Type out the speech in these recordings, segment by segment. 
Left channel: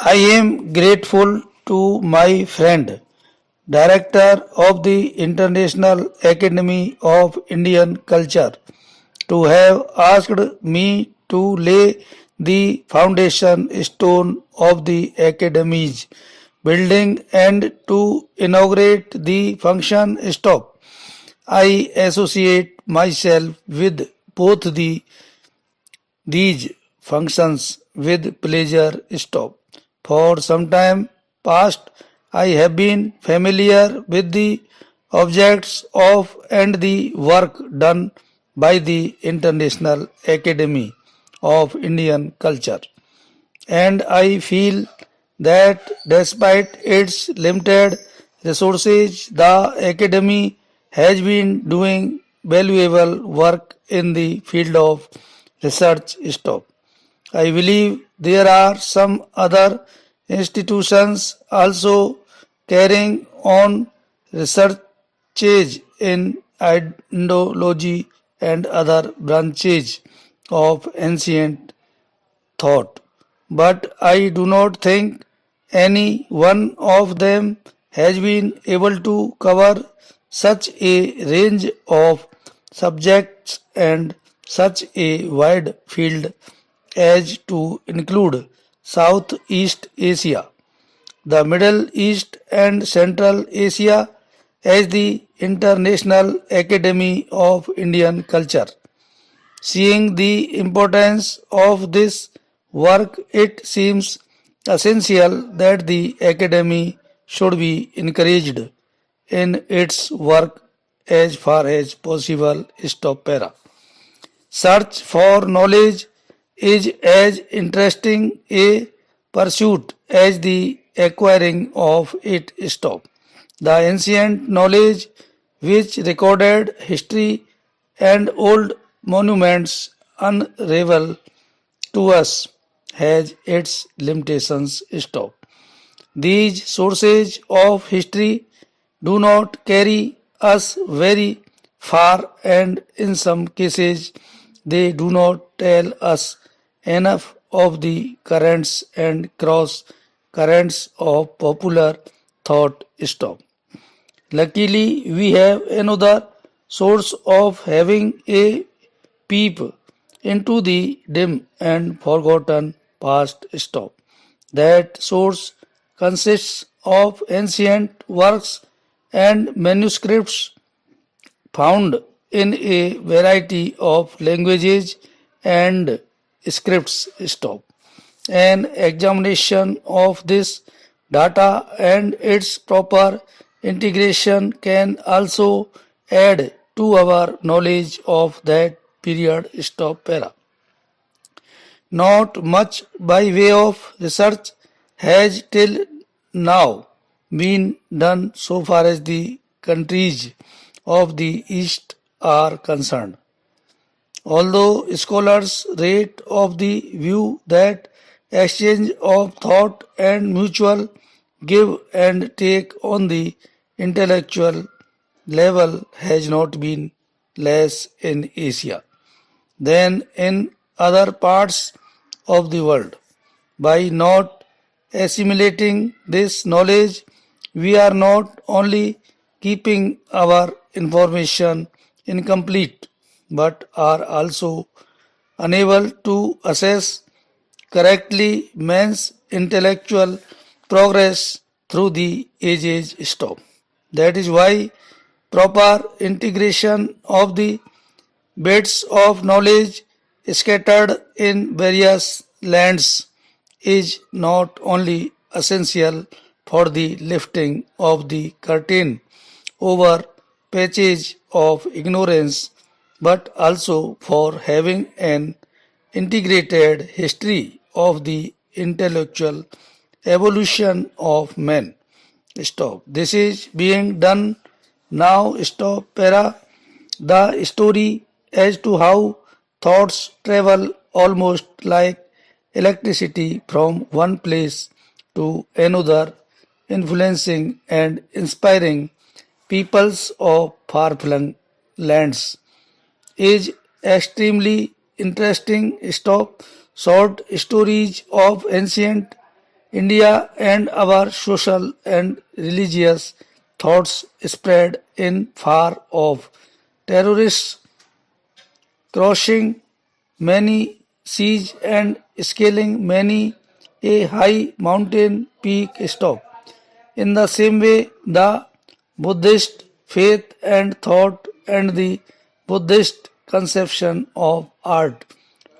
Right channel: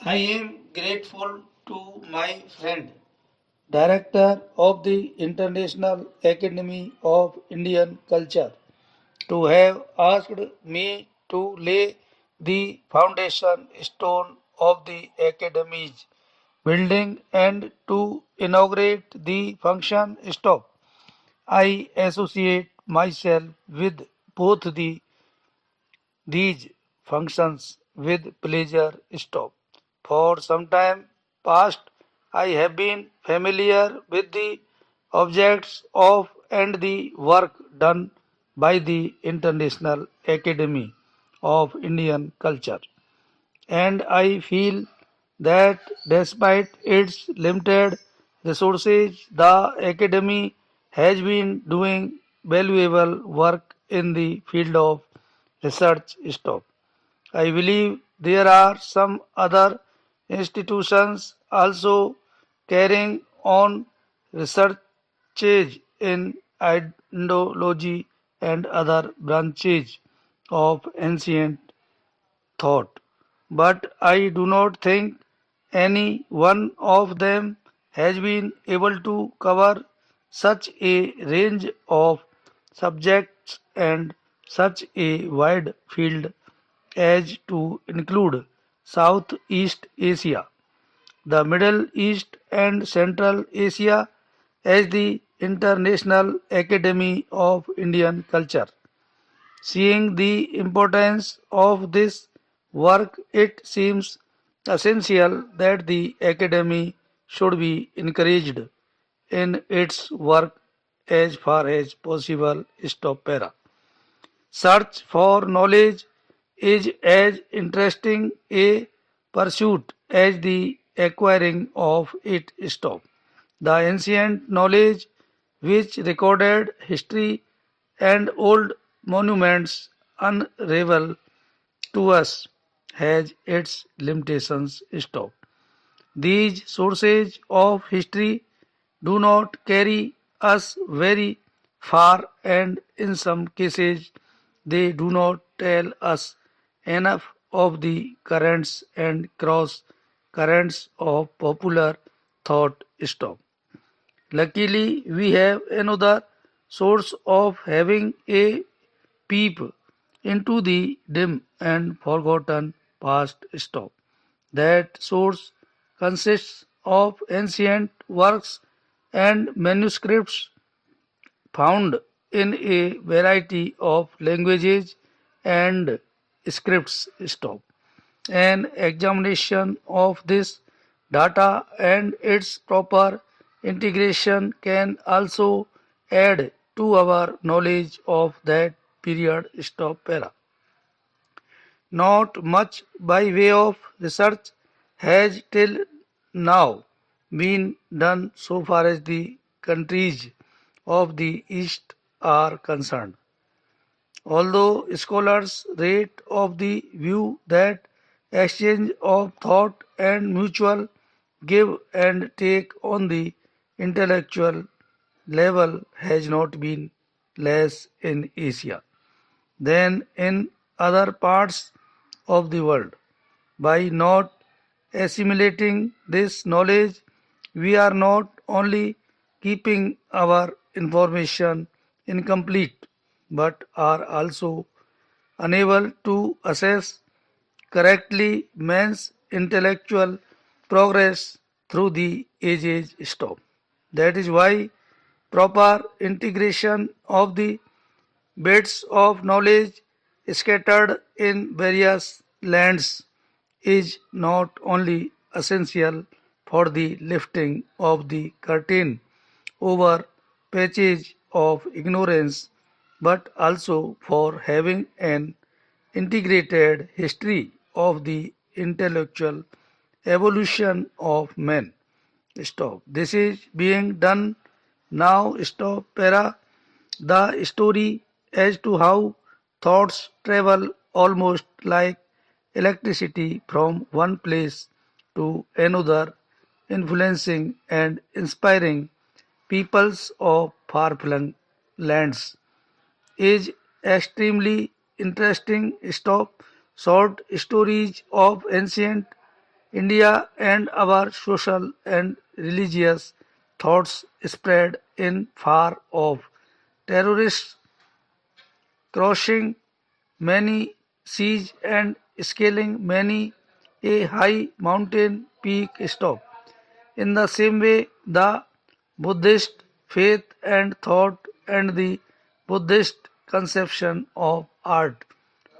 I am grateful to my friend, Director of the International Academy of Indian Culture, to have asked me to lay the foundation stone of the Academy's building and to inaugurate the function stop. I associate myself with both these functions with pleasure stop. For some time past, I have been familiar with the objects of and the work done by the International Academy of Indian Culture. And I feel that despite its limited resources, the Academy has been doing valuable work in the field of research stop. I believe there are some other institutions also carrying on researches in Indology and other branches of ancient thought, but I do not think any one of them has been able to cover such a range of subjects and such a wide field as to include Southeast Asia, the Middle East and Central Asia as the International Academy of Indian Culture. Seeing the importance of this work, it seems essential that the Academy should be encouraged in its work as far as possible. Stop para. Search for knowledge is as interesting a pursuit as the acquiring of it. Stop. The ancient knowledge which recorded history and old monuments unravel to us has its limitations. Stop. These sources of history do not carry us very far, and in some cases, they do not tell us enough of the currents and cross currents of popular thought. Stop. Luckily, we have another source of having a peep into the dim and forgotten past. Stop. That source consists of ancient works and manuscripts found in a variety of languages and scripts. Stop. An examination of this data and its proper integration can also add to our knowledge of that period. Stop para. Not much by way of research has till now been done so far as the countries of the East are concerned. Although scholars rate of the view that exchange of thought and mutual give and take on the intellectual level has not been less in Asia than in other parts of the world. By not assimilating this knowledge, we are not only keeping our information incomplete but are also unable to assess correctly man's intellectual progress through the ages. Stop. That is why proper integration of the bits of knowledge scattered in various lands is not only essential for the lifting of the curtain over patches of ignorance, but also for having an integrated history of the intellectual evolution of men. Stop. This is being done now. Stop. Para. The story as to how thoughts travel almost like electricity from one place to another, influencing and inspiring peoples of far-flung lands, is extremely interesting. Stop. Short stories of ancient India and our social and religious thoughts spread in far off. Terrorists crossing many seas and scaling many a high mountain peak stop. In the same way, the Buddhist faith and thought and the Buddhist conception of art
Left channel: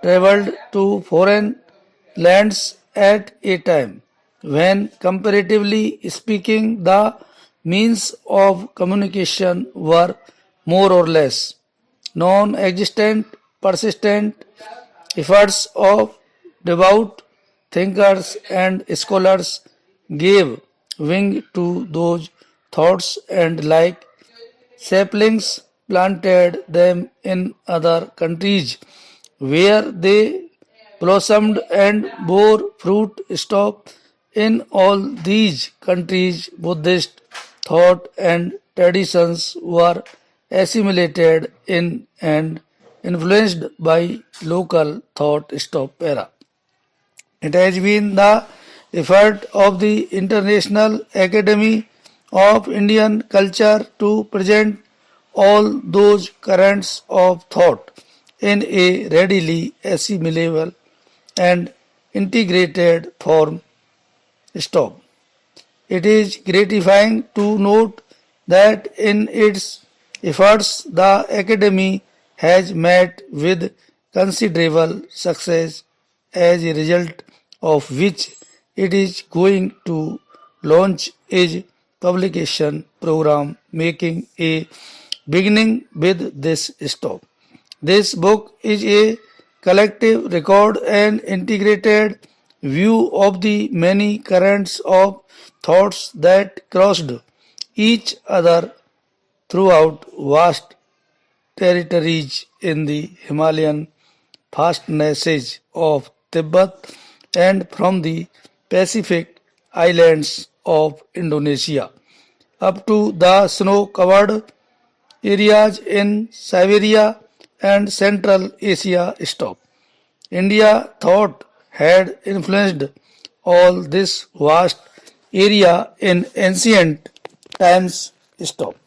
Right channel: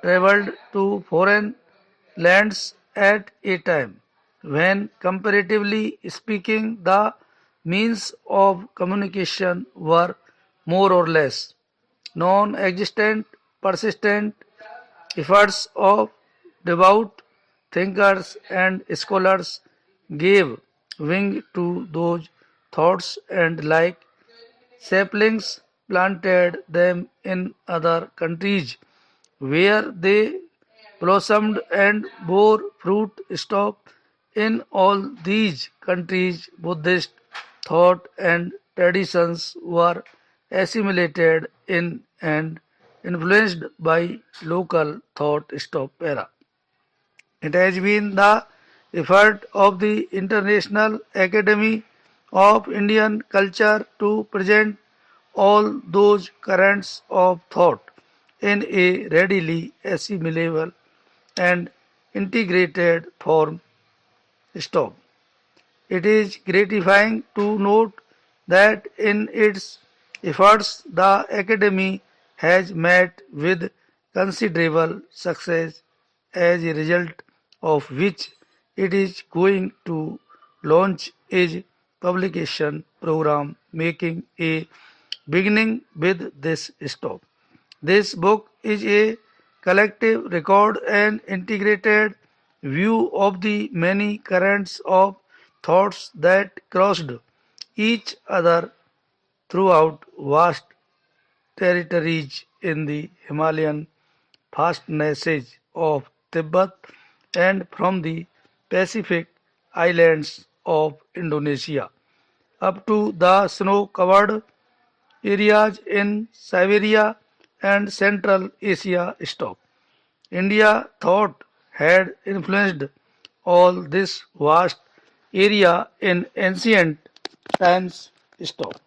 traveled to foreign lands at a time when, comparatively speaking, the means of communication were more or less non-existent. Persistent efforts of devout thinkers and scholars gave wing to those thoughts and like saplings planted them in other countries where they blossomed and bore fruit. Stop in all these countries, Buddhist thought and traditions were assimilated in and influenced by local thought. Stop era. It has been the effort of the International Academy of Indian Culture to present all those currents of thought in a readily assimilable and integrated form. Stop. It is gratifying to note that in its efforts the Academy has met with considerable success, as a result of which it is going to launch its publication program, making a beginning with this stop. This book is a collective record and integrated view of the many currents of thoughts that crossed each other throughout vast territories in the Himalayan fastnesses of Tibet and from the Pacific islands of Indonesia up to the snow-covered areas in Siberia and Central Asia. Stop. India thought had influenced all this vast area in ancient times. Stop.